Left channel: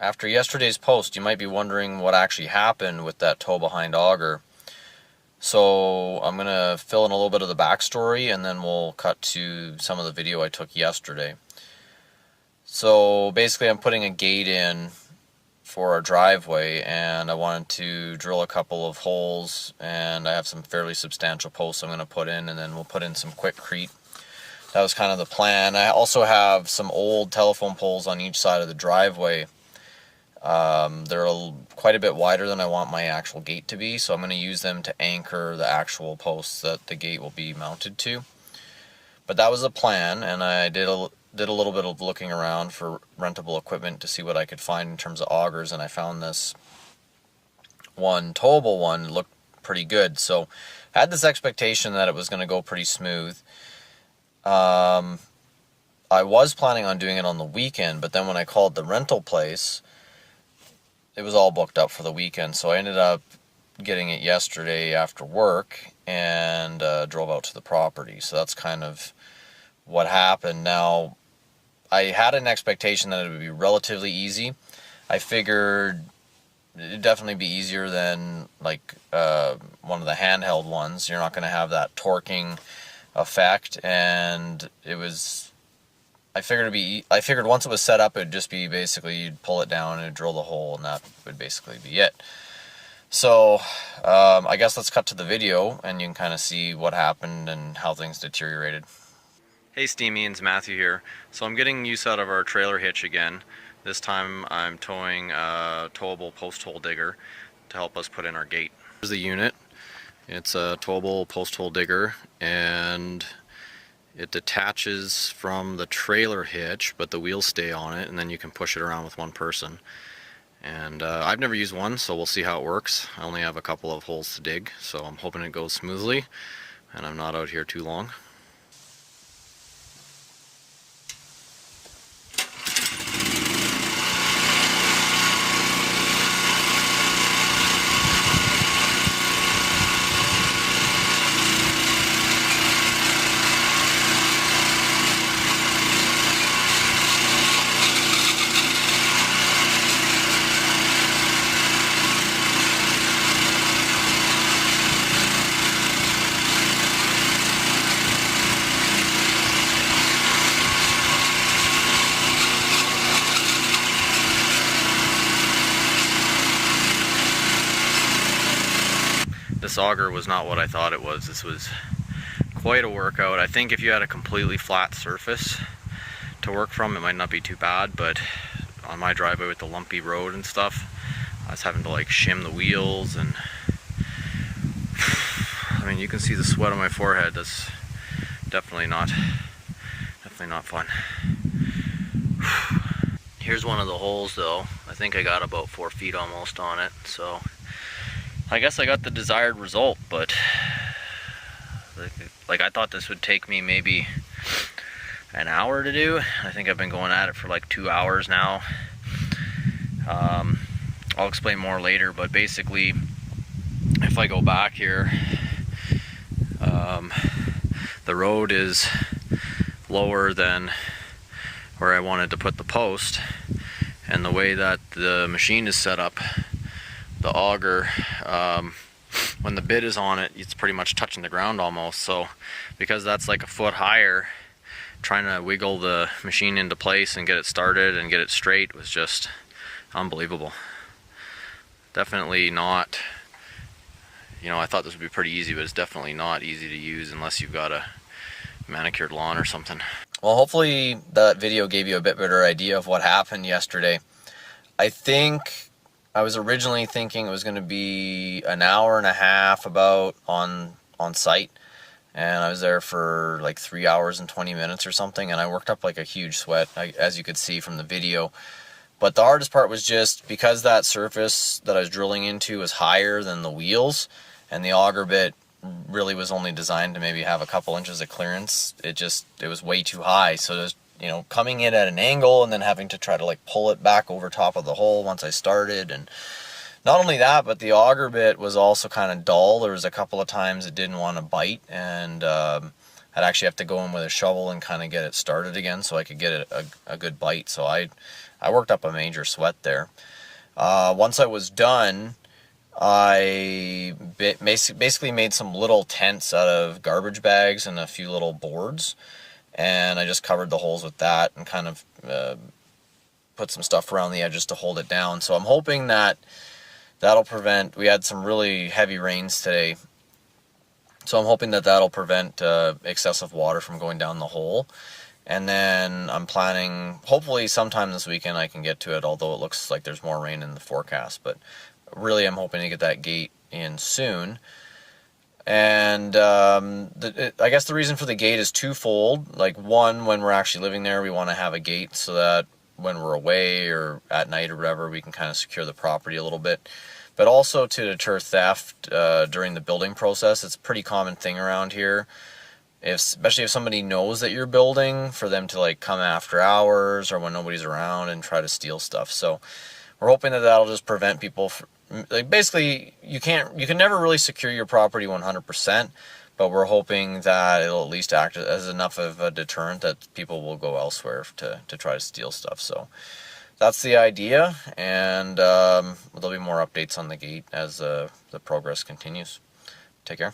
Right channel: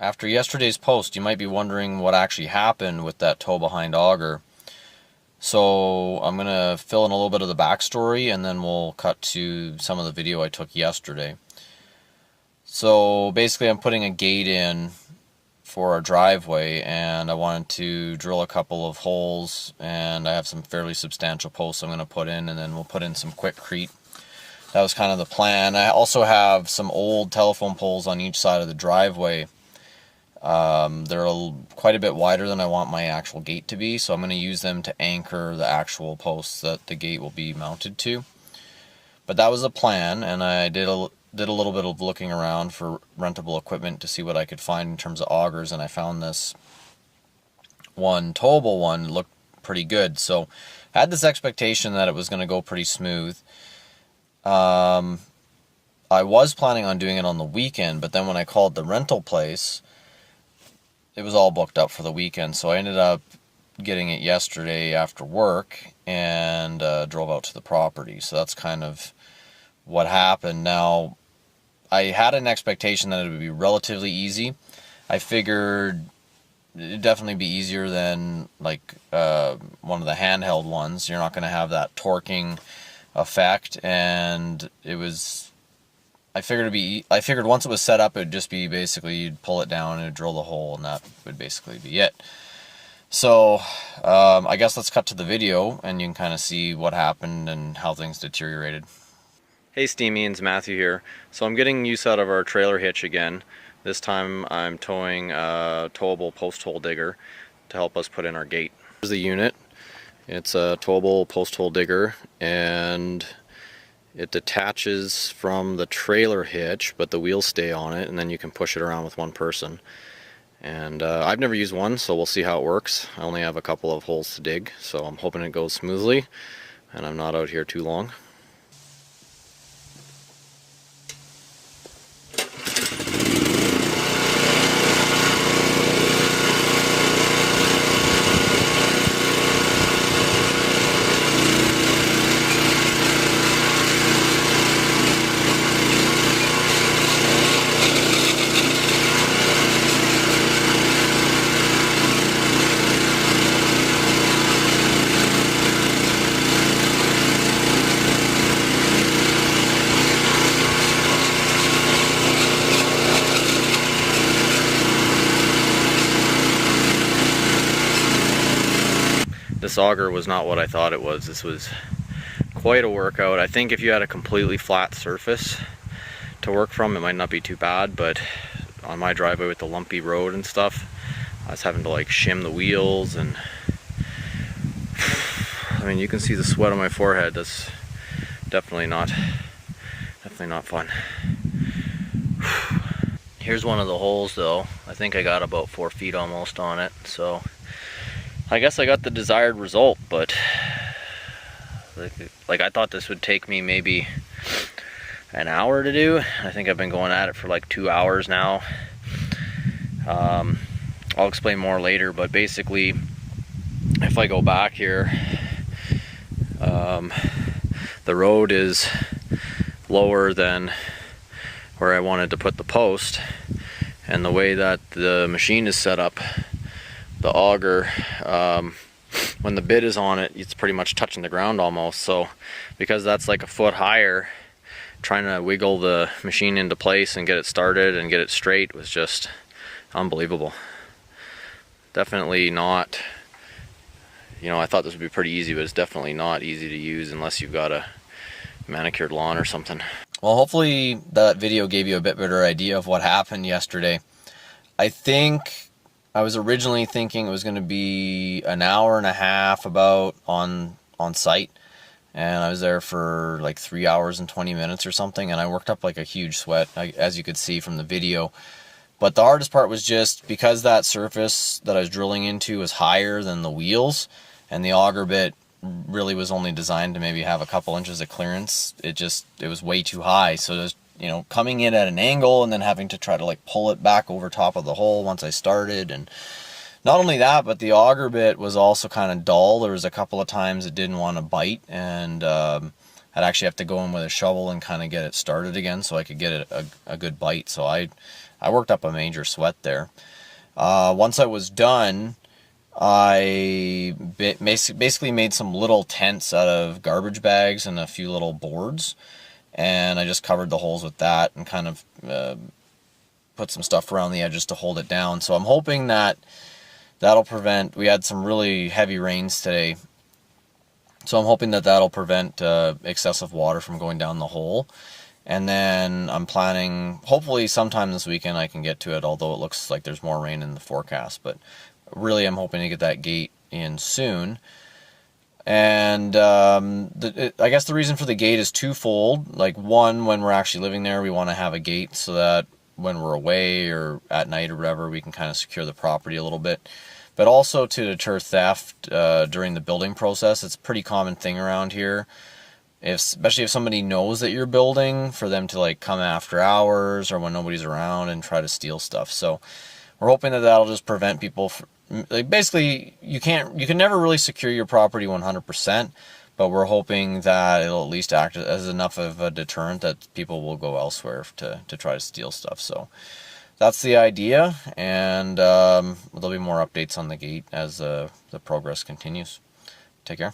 After yesterday's post, you might be wondering what actually happened with that tow behind auger. So I'm going to fill in a little bit of the backstory, and then we'll cut to some of the video I took yesterday. So basically I'm putting a gate in for our driveway, and I wanted to drill a couple of holes, and I have some fairly substantial posts I'm going to put in, and then we'll put in some quickcrete. That was kind of the plan. I also have some old telephone poles on each side of the driveway. They're quite a bit wider than I want my actual gate to be, so I'm going to use them to anchor the actual posts that the gate will be mounted to. But that was the plan, and I did a little bit of looking around for rentable equipment to see what I could find in terms of augers, and I found this one towable one looked pretty good. So I had this expectation that it was going to go pretty smooth. I was planning on doing it on the weekend, but then when I called the rental place, it was all booked up for the weekend, so I ended up getting it yesterday after work and drove out to the property. So that's kind of what happened. Now, I had an expectation that it would be relatively easy. I figured it'd definitely be easier than like one of the handheld ones. You're not going to have that torquing effect, and I figured once it was set up, it'd just be basically you'd pull it down and it'd drill the hole, and that would basically be it. So I guess let's cut to the video, and you can kind of see what happened and how things deteriorated. Hey Steamians, Matthew here. So I'm getting use out of our trailer hitch again. This time I'm towing a towable post hole digger to help us put in our gate. Here's the unit. It's a towable post hole digger, and it detaches from the trailer hitch, but the wheels stay on it, and then you can push it around with one person. And I've never used one, so we'll see how it works. I only have a couple of holes to dig, so I'm hoping it goes smoothly, and I'm not out here too long. This auger was not what I thought it was. This was quite a workout. I think if you had a completely flat surface to work from, it might not be too bad, but on my driveway with the lumpy road and stuff, I was having to like shim the wheels, and I mean, you can see the sweat on my forehead. That's definitely not fun. Here's one of the holes though. I think I got about 4 feet almost on it, so I guess I got the desired result, but like I thought this would take me maybe an hour to do. I think I've been going at it for like 2 hours now. I'll explain more later, but basically if I go back here, the road is lower than where I wanted to put the post, and the way that the machine is set up, the auger, when the bit is on it, it's pretty much touching the ground almost. So because that's like a foot higher, trying to wiggle the machine into place and get it started and get it straight was just unbelievable. Definitely not, I thought this would be pretty easy, but it's definitely not easy to use unless you've got a manicured lawn or something. Well, hopefully that video gave you a bit better idea of what happened yesterday. I think I was originally thinking it was going to be an hour and a half about on site, and I was there for like 3 hours and 20 minutes or something, and I worked up like a huge sweat, as you could see from the video. But the hardest part was just because that surface that I was drilling into was higher than the wheels, and the auger bit really was only designed to maybe have a couple inches of clearance. It was way too high, so it was, coming in at an angle and then having to try to like pull it back over top of the hole once I started. And not only that, but the auger bit was also kind of dull. There was a couple of times it didn't want to bite, and I'd actually have to go in with a shovel and kind of get it started again so I could get it a good bite. So I I worked up a major sweat there. Once I was done, I basically made some little tents out of garbage bags and a few little boards, and I just covered the holes with that and kind of put some stuff around the edges to hold it down. So I'm hoping that that'll prevent, we had some really heavy rains today, so I'm hoping that that'll prevent excessive water from going down the hole. And then I'm planning, hopefully sometime this weekend I can get to it, although it looks like there's more rain in the forecast. But really I'm hoping to get that gate in soon. And I guess the reason for the gate is twofold. Like, one, when we're actually living there, we want to have a gate so that when we're away or at night or whatever, we can kind of secure the property a little bit. But also to deter theft during the building process. It's a pretty common thing around here, especially if somebody knows that you're building, for them to like come after hours or when nobody's around and try to steal stuff. So we're hoping that that'll just prevent people like, basically you can never really secure your property 100%, but we're hoping that it'll at least act as enough of a deterrent that people will go elsewhere to try to steal stuff. So that's the idea, and there'll be more updates on the gate as the progress continues. Take care.